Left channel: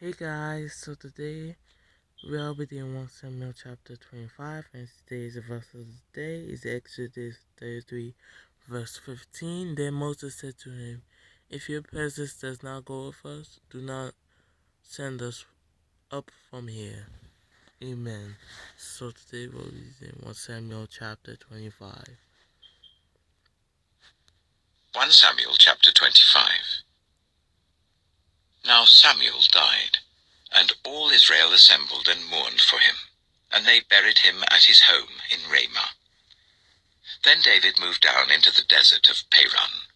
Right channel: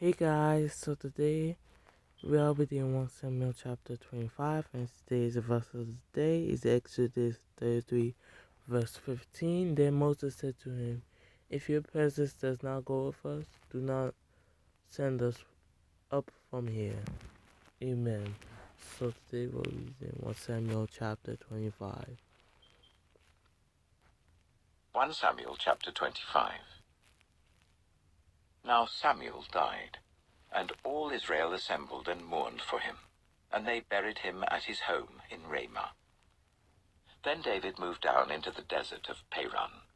Hey guys, so today we are reading 1 Samuel chapter 25, and today's verse of the day is Exodus 33, verse 15. Then Moses said to him, "If your presence does not go with us, do not send us up from here." Amen. So today we're reading 1 Samuel chapter 25. 1 Samuel chapter 25. Now Samuel died, and all Israel assembled and mourned for him, and they buried him at his home in Ramah. Then David moved down into the desert of Paran.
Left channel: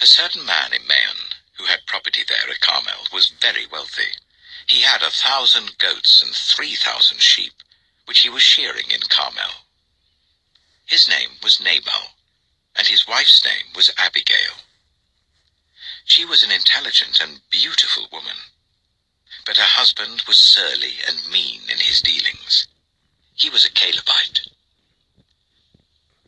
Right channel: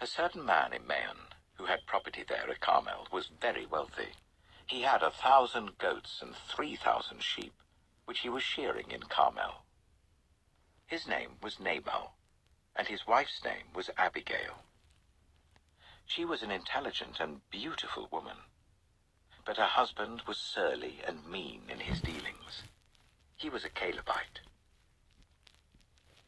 A certain man in Maon, who had property there at Carmel, was very wealthy. He had 1,000 goats and 3,000 sheep, which he was shearing in Carmel. His name was Nabal, and his wife's name was Abigail. She was an intelligent and beautiful woman, but her husband was surly and mean in his dealings. He was a Calebite.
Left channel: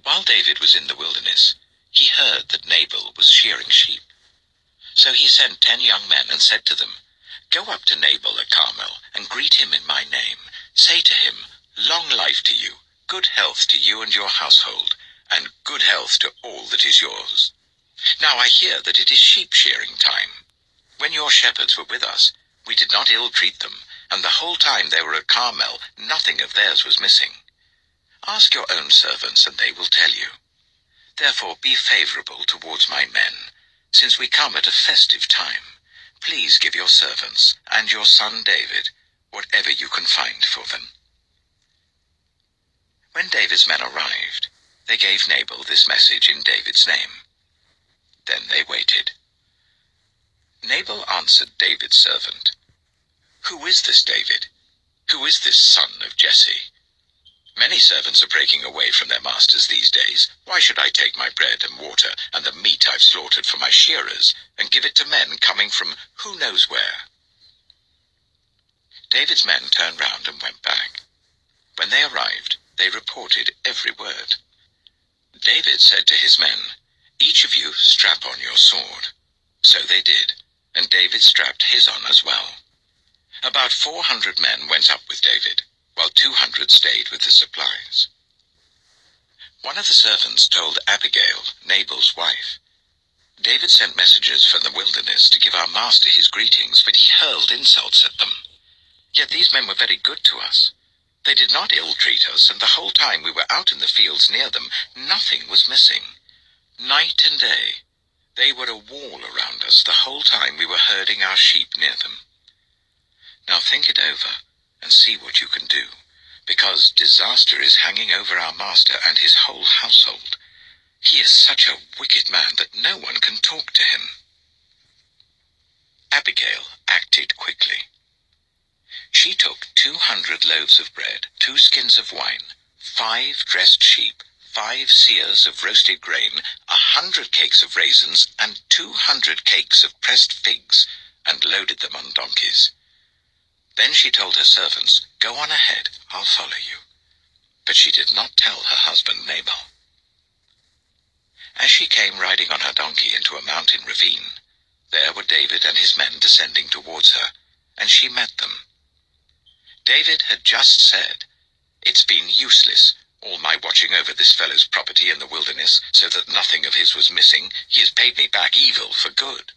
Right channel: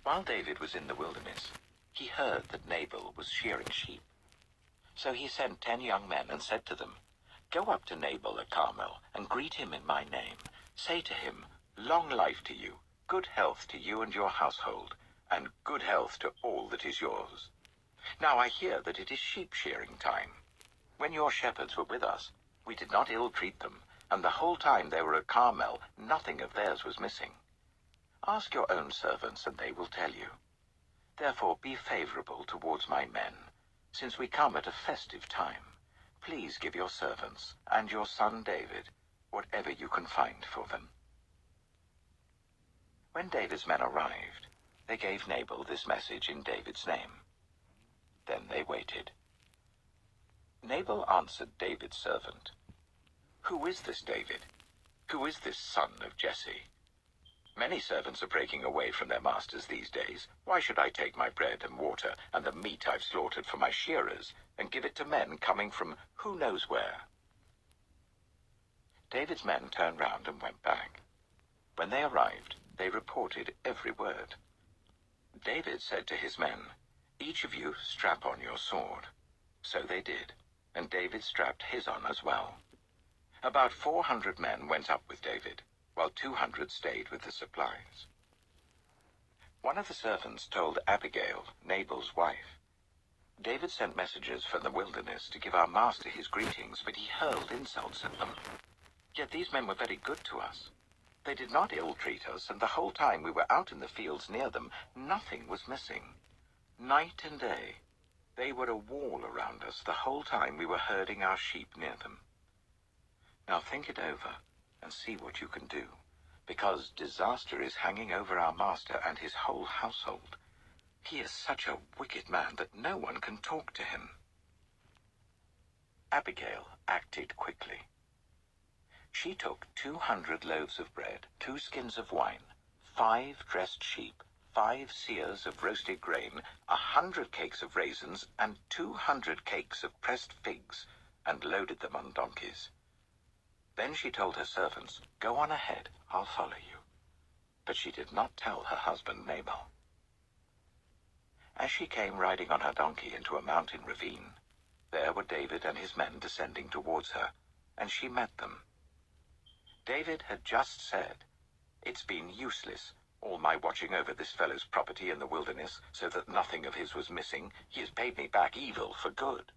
While David was in the wilderness, he heard that Nabal was shearing sheep. So he sent 10 young men and said to them, "Go up to Nabal at Carmel and greet him in my name. Say to him, 'Long life to you, good health to you and your household, and good health to all that is yours. Now I hear that it is sheep shearing time. When your shepherds were with us, we did not ill-treat them, and the whole time they were at Carmel, nothing of theirs was missing. Ask your own servants, and they will tell you. Therefore be favorable towards my men, since we come at a festive time. Please give your servants and your son David whatever you can find for them." When David's men arrived, they gave Nabal this message in David's name. Then they waited. Nabal answered David's servant, "Who is this David? Who is this son of Jesse? Many servants are breaking away from their masters these days. Why should I take my bread and water and the meat I've slaughtered for my shearers and give it to men coming from who knows where?" David's men turned round and went back. When they arrived, they reported every word. David said to his men, "Each of you strap on your sword." So they did, and David strapped his on as well. About 400 men went up with David, while 200 stayed with the supplies. One of the servants told Abigail, Nabal's wife, "David sent messengers from the wilderness to give our master his greetings, but he hurled insults at them. Yet these men were very good to us. They did not ill-treat us, and the whole time we were out in the fields near them, nothing was missing. Night and day, they were a wall around us the whole time we were herding our sheep near them. Now think it over and see what you can do, because disaster is hanging over our master and his whole household. He is such a wicked man that no one can talk to him." Abigail acted quickly. She took 200 loaves of bread, 2 skins of wine, 5 dressed sheep, 5 seahs of roasted grain, 100 cakes of raisins, and 200 cakes of pressed figs, and loaded them on donkeys. Then she told her servants, "Go on ahead, I'll follow you." But she did not tell her husband Nabal. As she came riding on her donkey into a mountain ravine, there were David and his men descending towards her, and she met them. David had just said, "It's been useless, all my watching over this fellow's property in the wilderness, so that nothing of his was missing. He has paid me back evil for good.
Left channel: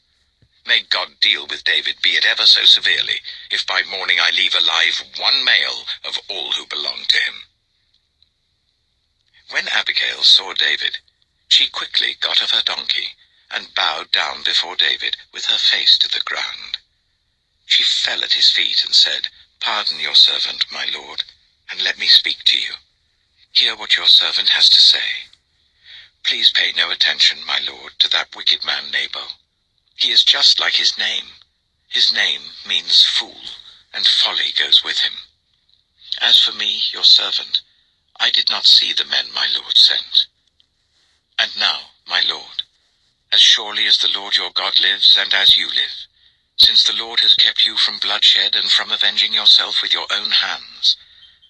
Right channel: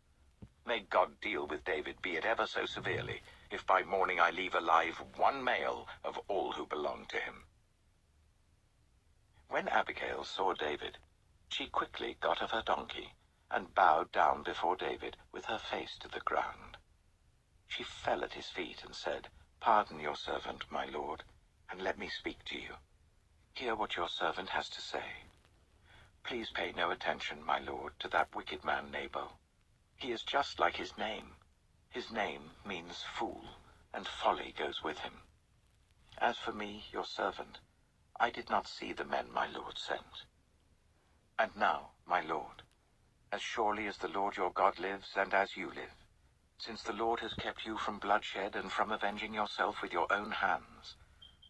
May God deal with David, be it ever so severely, if by morning I leave alive one male of all who belong to him." When Abigail saw David, she quickly got off her donkey and bowed down before David with her face to the ground. She fell at his feet and said, "Pardon your servant, my lord, and let me speak to you. Hear what your servant has to say. Please pay no attention, my lord, to that wicked man Nabal. He is just like his name. His name means fool, and folly goes with him. As for me, your servant, I did not see the men my lord sent. And now, my lord, as surely as the Lord your God lives, and as you live, since the Lord has kept you from bloodshed and from avenging yourself with your own hands,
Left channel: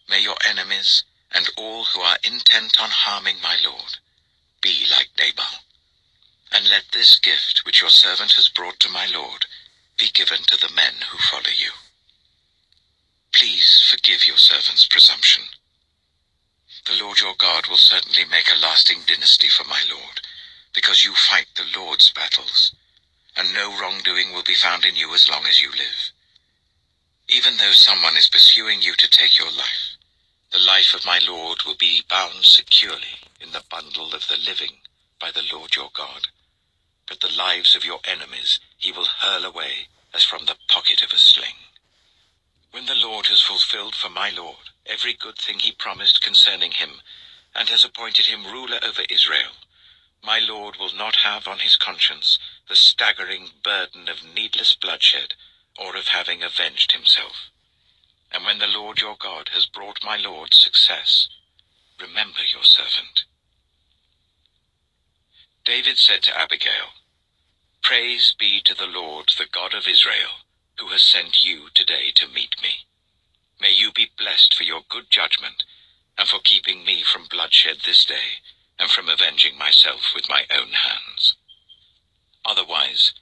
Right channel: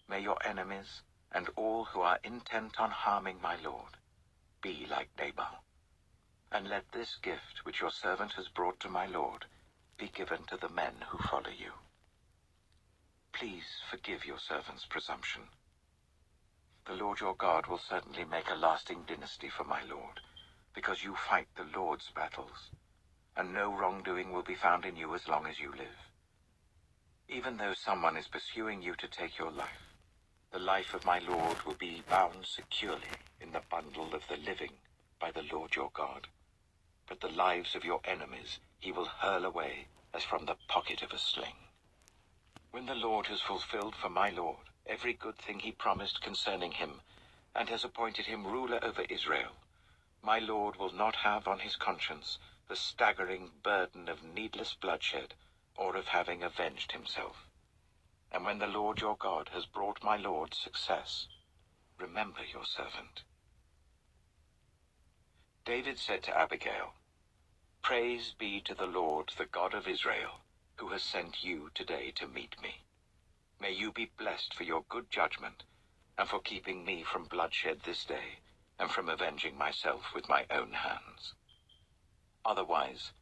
may your enemies and all who are intent on harming my lord be like Nabal. And let this gift which your servant has brought to my lord be given to the men who follow you. Please forgive your servant's presumption. The Lord your God will certainly make a lasting dynasty for my lord, because you fight the Lord's battles, and no wrongdoing will be found in you as long as you live. Even though someone is pursuing you to take your life, the life of my lord will be bound securely in the bundle of the living by the Lord your God. But the lives of your enemies he will hurl away as from the pocket of a sling. When the Lord has fulfilled for my lord every good thing he promised concerning him, and has appointed him ruler over Israel, my lord will not have on his conscience the staggering burden of needless bloodshed, or of having avenged himself. And when the Lord your God has brought my lord success, remember your servant." David said to Abigail, "Praise be to the Lord, the God of Israel, who has sent you today to meet me. May you be blessed for your good judgment, and for keeping me from bloodshed this day, and from avenging myself with my own hands. Otherwise,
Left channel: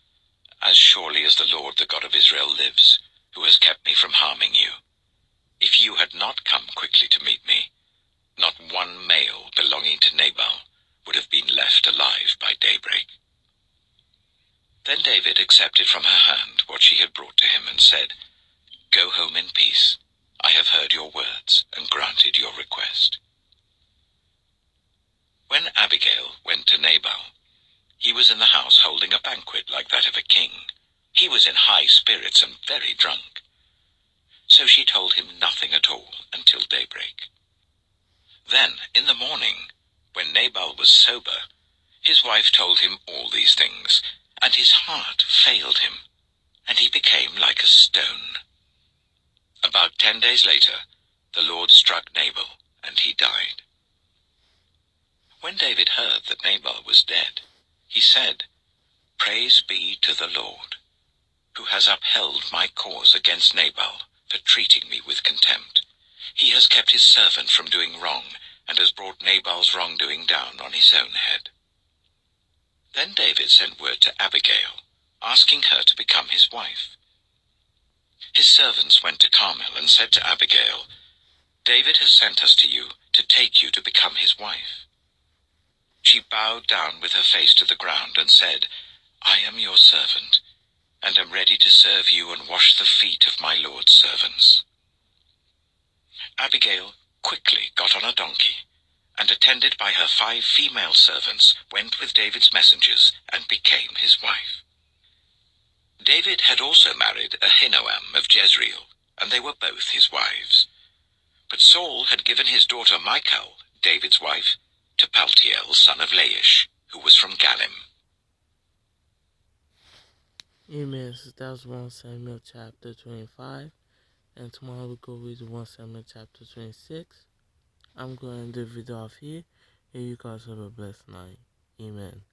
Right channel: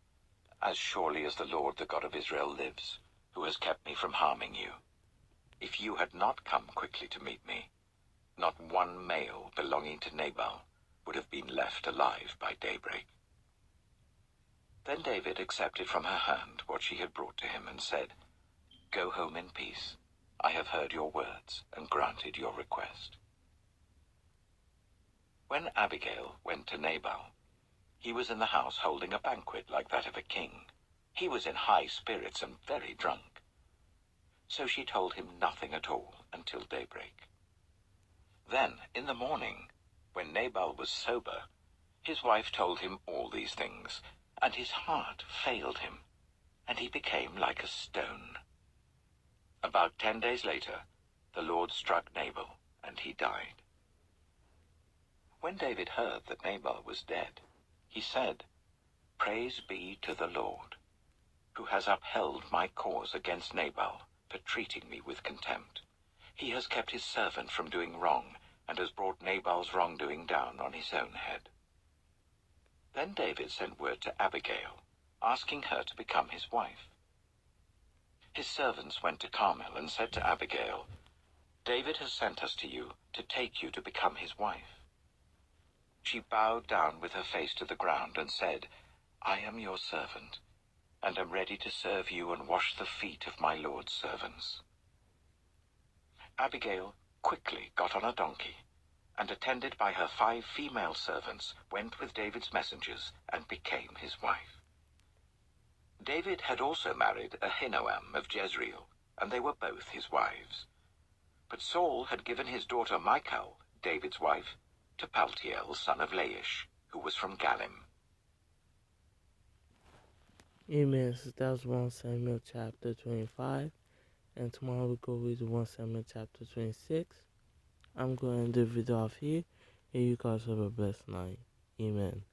as surely as the Lord, the God of Israel, lives, who has kept me from harming you, if you had not come quickly to meet me, not one male belonging to Nabal would have been left alive by daybreak." Then David accepted from her hand what she had brought to him, and said, "Go home in peace. I have heard your words and granted your request." When Abigail went to Nabal, he was in the house holding a banquet like that of a king. He was in high spirits and very drunk. So she told him nothing at all until daybreak. Then, in the morning, when Nabal was sober, his wife told him all these things, and his heart failed him, and he became like a stone. About 10 days later, the Lord struck Nabal, and he died. When David heard that Nabal was dead, he said, "Praise be to the Lord, who has upheld my cause against Nabal for treating me with contempt. He has kept his servant from doing wrong, and has brought Nabal's wrongdoing down on his own head." Then David sent word to Abigail, asking her to become his wife. His servants went to Carmel and said to Abigail, "David has sent us to you to take you to become his wife." She bowed down with her face to the ground and said, "I am your servant, and am ready to serve you and wash the feet of my lord's servants." Abigail quickly got on a donkey, and attended by her 5 female servants, went with David's messengers and became his wife. David had also married Ahinoam of Jezreel, and they were both his wives. But Saul had given his daughter Michal, David's wife, to Paltiel, son of Laish, who was from Galim. Amen. So that was 1 Samuel chapter 25. And tomorrow we'll go read 1 Samuel chapter 26. I'm going to end the video off here. And you guys have a blessed night. Amen.